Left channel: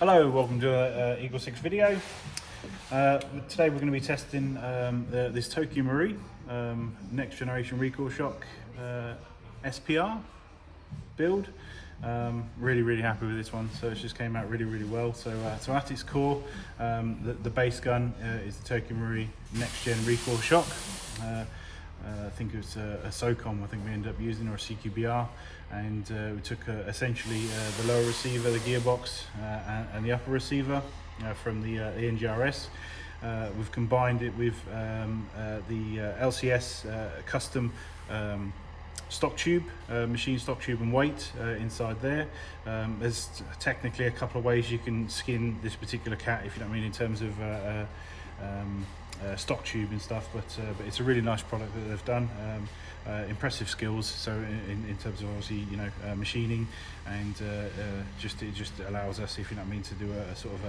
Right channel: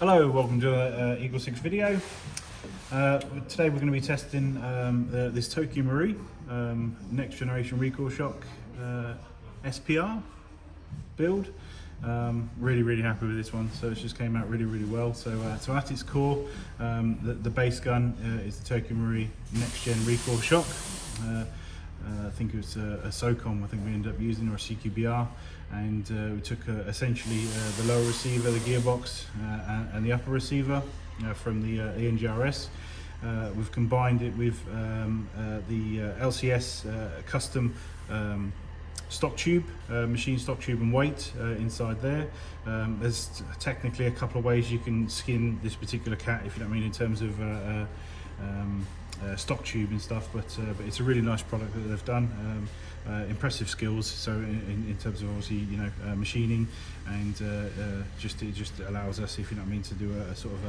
Hello, welcome to a EagleSix video. Today we're going to be testing this Tokyo Marui next generation recoil shock SPR build. Really happy with this one. So it just came out really well. So at its core, the base gun is the Tokyo Marui next gen recoil shock. I think it was a SOCOM I think we ended up using, or a CQBR, and we took essentially the lower receiver, the gearbox, and the upper receiver from the NGRS. We've combined it with the LCS custom stock tube, machine stock tube and weight inside there. There's technically a couple of ways you can skin this particular cat, if you know what I mean, in terms of stock tube and stuff, but it's a really nice product that they've done. Impressive skills, so in terms of obviously machining, and it just allows us, if you know what I mean, to do a sort of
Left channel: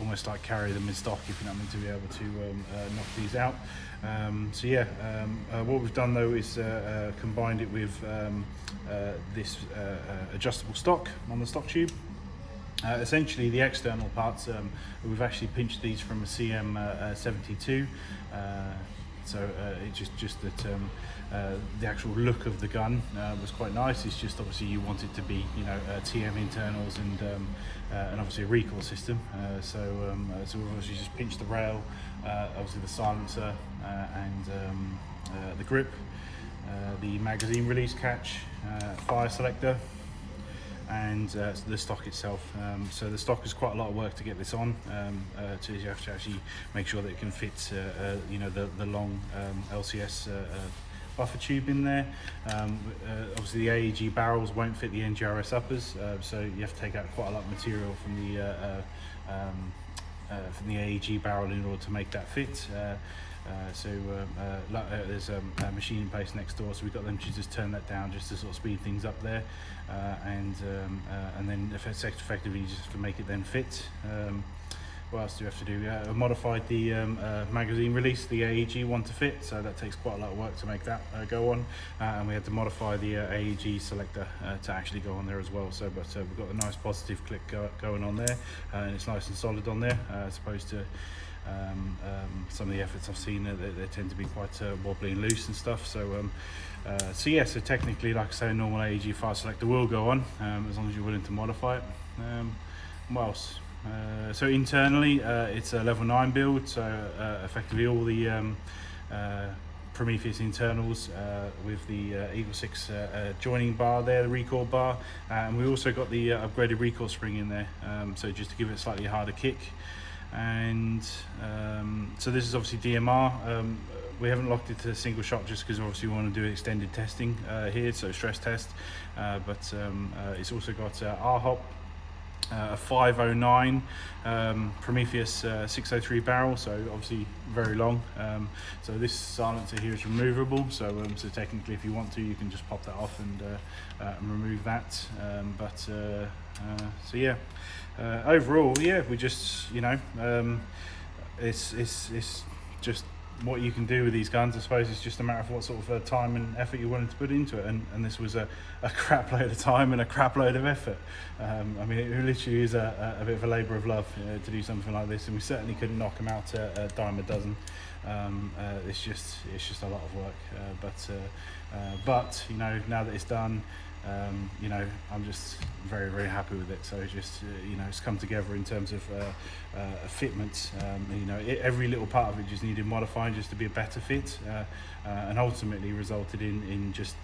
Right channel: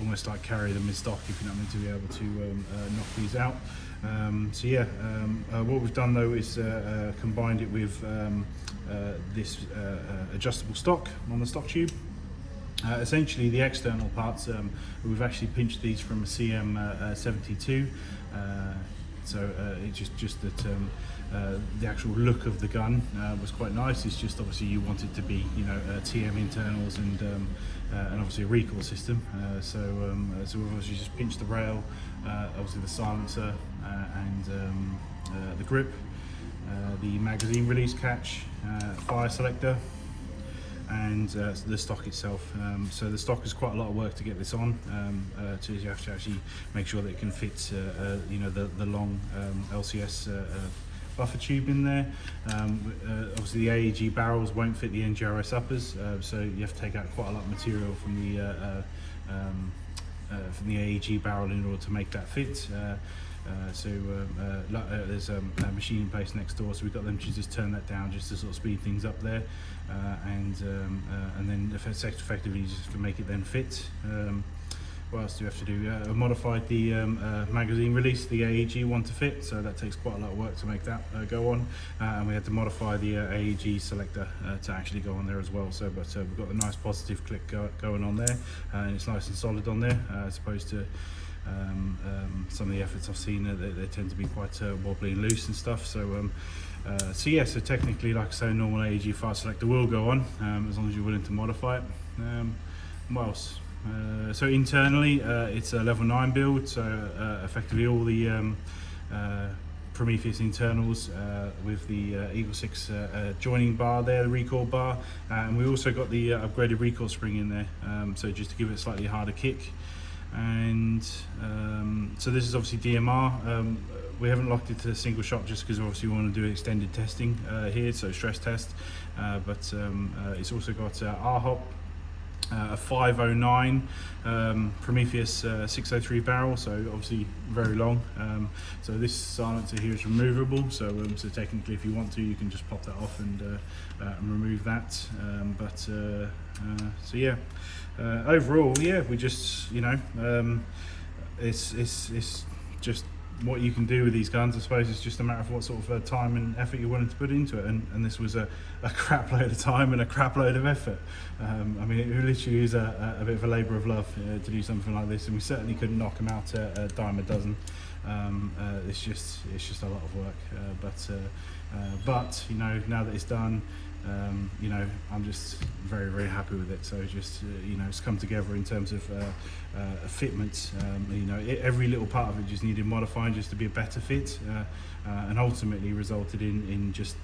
almost like carry them in stock, if you know what I mean, to be able to knock these out. What we've done though is combined it with this adjustable stock on the stock tube. Essentially the external parts, we've actually pinched these from a CM72, so it's just that the actual look of the gun was quite nice. It's just obviously you want it to be, TM internals and obviously a recoil system. So we've obviously just pinched the rail, obviously the silencer, and the grip, the magazine release catch, fire selector, and the stock itself. So the stock is quite a lot of work to get this on. So you have to actually make sure that it can fit the long LCS buffer tube in there. Obviously the AEG barrels won't fit the NGRS uppers, so you have to take out quite a lot of material from the AEG barrel in order to make that fit. There's a machine in place next door, so we've got them to just turn that down just to sort of speed things up there, and then effectively just to make it then fit. What else do we have to do? I've modified the magazine release, the AEG one to fit, so that takes quite a lot of work to make that go on, and we had to modify the AEG selector to actually go on there as well. So, but we've got a nice positive click going on there, and it's nice and solid on there, as opposed to some of the efforts I've seen, they tend to be quite wobbly and loose and stuff. So so technically, like I say, a normal AEG fire selector will go on, as long as you're willing to modify it. What else? So internally, it's a level 9 build, so effectively all the Prometheus Internals with the EagleSix joining bar there, the recoil bar, and we also got the upgraded recoil spring in there, so just to give it a slightly harder kick. And so this is obviously DMR. We haven't locked it to a single shot just because obviously we want to do extended testing here, so stress test, but it's also got RHOP, a 509 Prometheus 603 barrel, so obviously very long. So this silencer here is removable, so technically if you want to, you can just pop that off and remove that. Overall, we just, it's just what you can do with these guns. I suppose it's just a matter of what sort of time and effort you're willing to put into it, and this was a crap load of time and a crap load of effort. I mean, it literally is a bit of a labour of love to do something like this, and we certainly couldn't knock them out a dime a dozen. It's just a lot of work, but now that it's done, I'm just very happy with it. So it's come together in terms of fitment. Every little part of it just needed modifying just to be a better fit, and ultimately resulted in just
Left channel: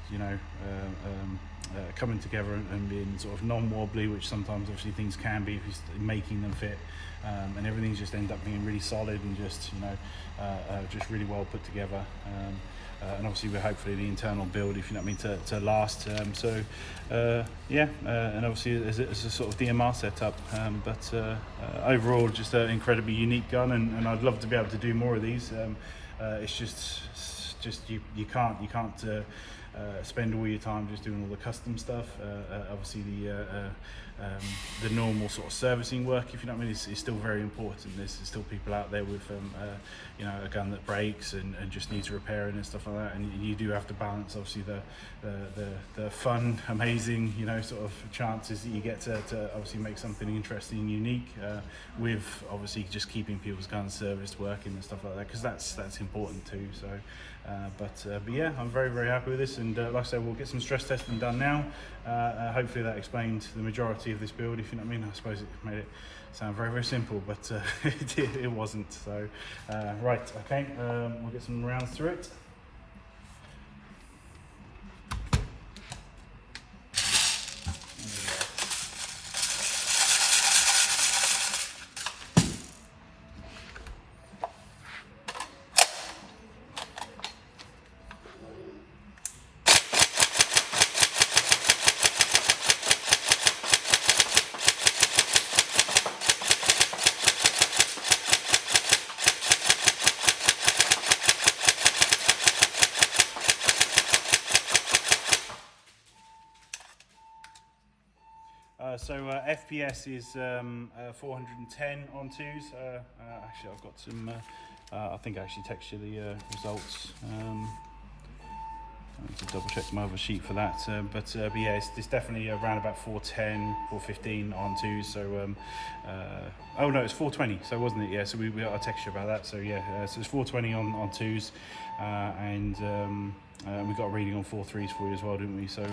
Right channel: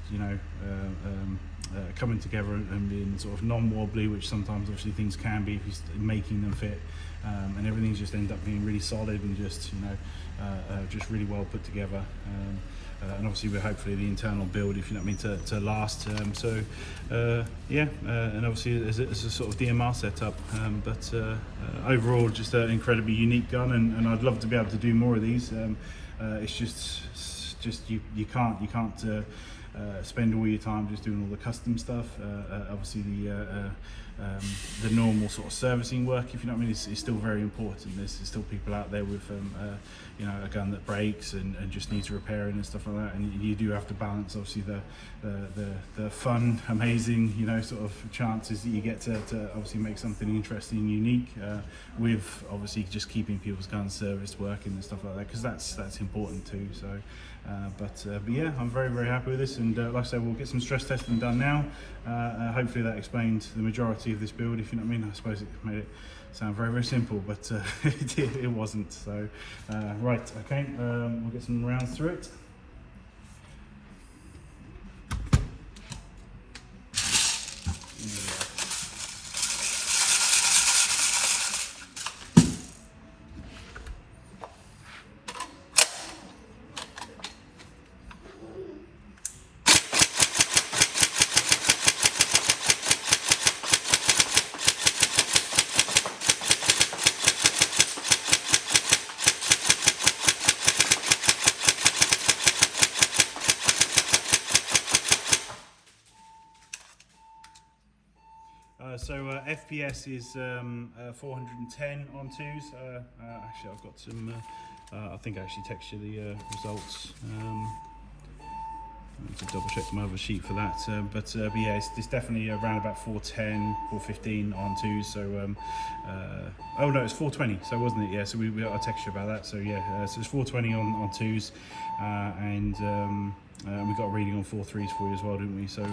coming together and being sort of non-wobbly, which sometimes obviously things can be if you're making them fit, and everything's just end up being really solid and just really well put together. And obviously we're hopefully the internal build, if you know what I mean, to last. And obviously it's a sort of DMR setup, but overall just an incredibly unique gun, and I'd love to be able to do more of these. It's just you can't spend all your time just doing all the custom stuff. Obviously the normal sort of servicing work, if you know what I mean, is still very important. There's still people out there with you know, a gun that breaks and just needs repairing and stuff like that, and you do have to balance obviously the fun, amazing, you know, sort of chances that you get to obviously make something interesting and unique, with obviously just keeping people's guns serviced, working and stuff like that, because that's important too. So but yeah, I'm very happy with this, and like I said, we'll get some stress testing done now. Hopefully that explained the majority of this build, if you know what I mean. I suppose it made it sound very simple, but it wasn't. So right, okay, we'll get some rounds through it. So FPS is 410 on 2s. Actually, I've got some. I think I actually texted you the results. I need to double check my other sheet for that. But yeah, it's definitely around about 410, 415 on 2s. So oh no, it's 420. So wasn't it? Yeah. So we got a texture about that. So yeah, so it's 420 on 2s, and we got a reading on 4.3s for you as well, didn't we? So.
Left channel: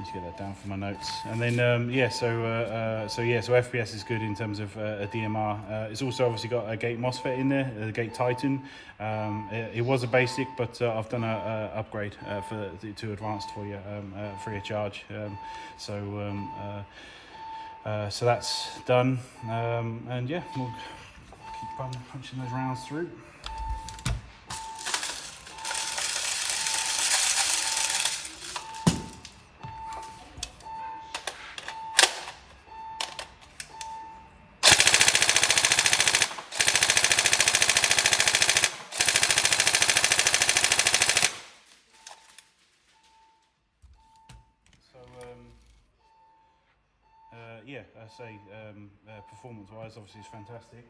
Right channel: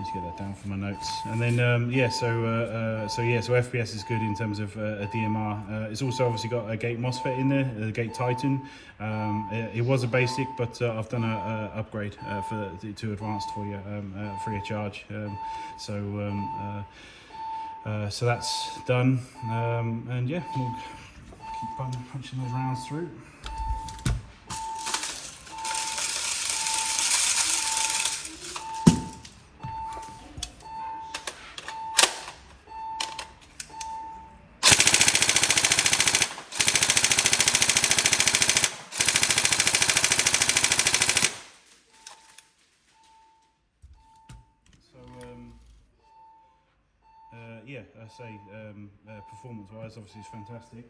Let's get that down for my notes. And then yeah, so FPS is good in terms of a DMR. It's also obviously got a gate MOSFET in there, a gate Titan. It was a basic, but I've done a upgrade to advanced for you, free of charge. So that's done. And yeah, we'll keep punching those rounds through. Yeah, I say performance-wise, obviously it's fantastic.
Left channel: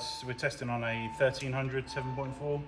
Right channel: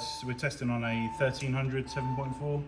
So we're testing on a 1300 7.4.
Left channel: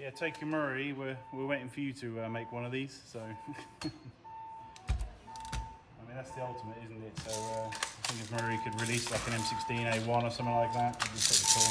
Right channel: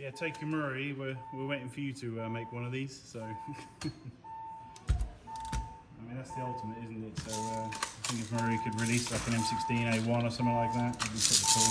Yeah, Tokyo Murray, we're waiting for you to make one of these. So, I mean, that's the ultimate, isn't it? So, I think if Murray could release like an M16A1 or something like that, it'd be pretty cool.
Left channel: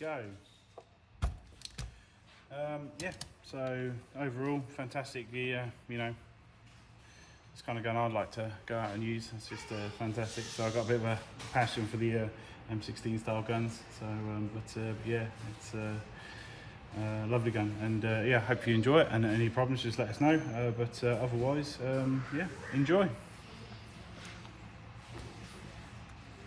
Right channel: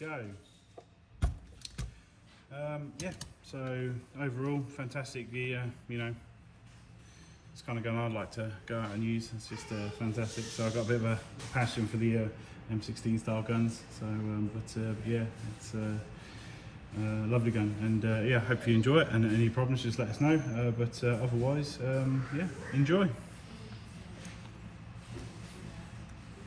go. Yeah, so overall fantastic gear, you know, it's kind of gun I'd like to go out and use. It's just fantastic. So I've got a bit of a passion for the M16 style guns. So, yeah, it's a lovely gun, and yeah, hope you enjoy it. And any problems, just let us know. Otherwise, yeah, enjoy.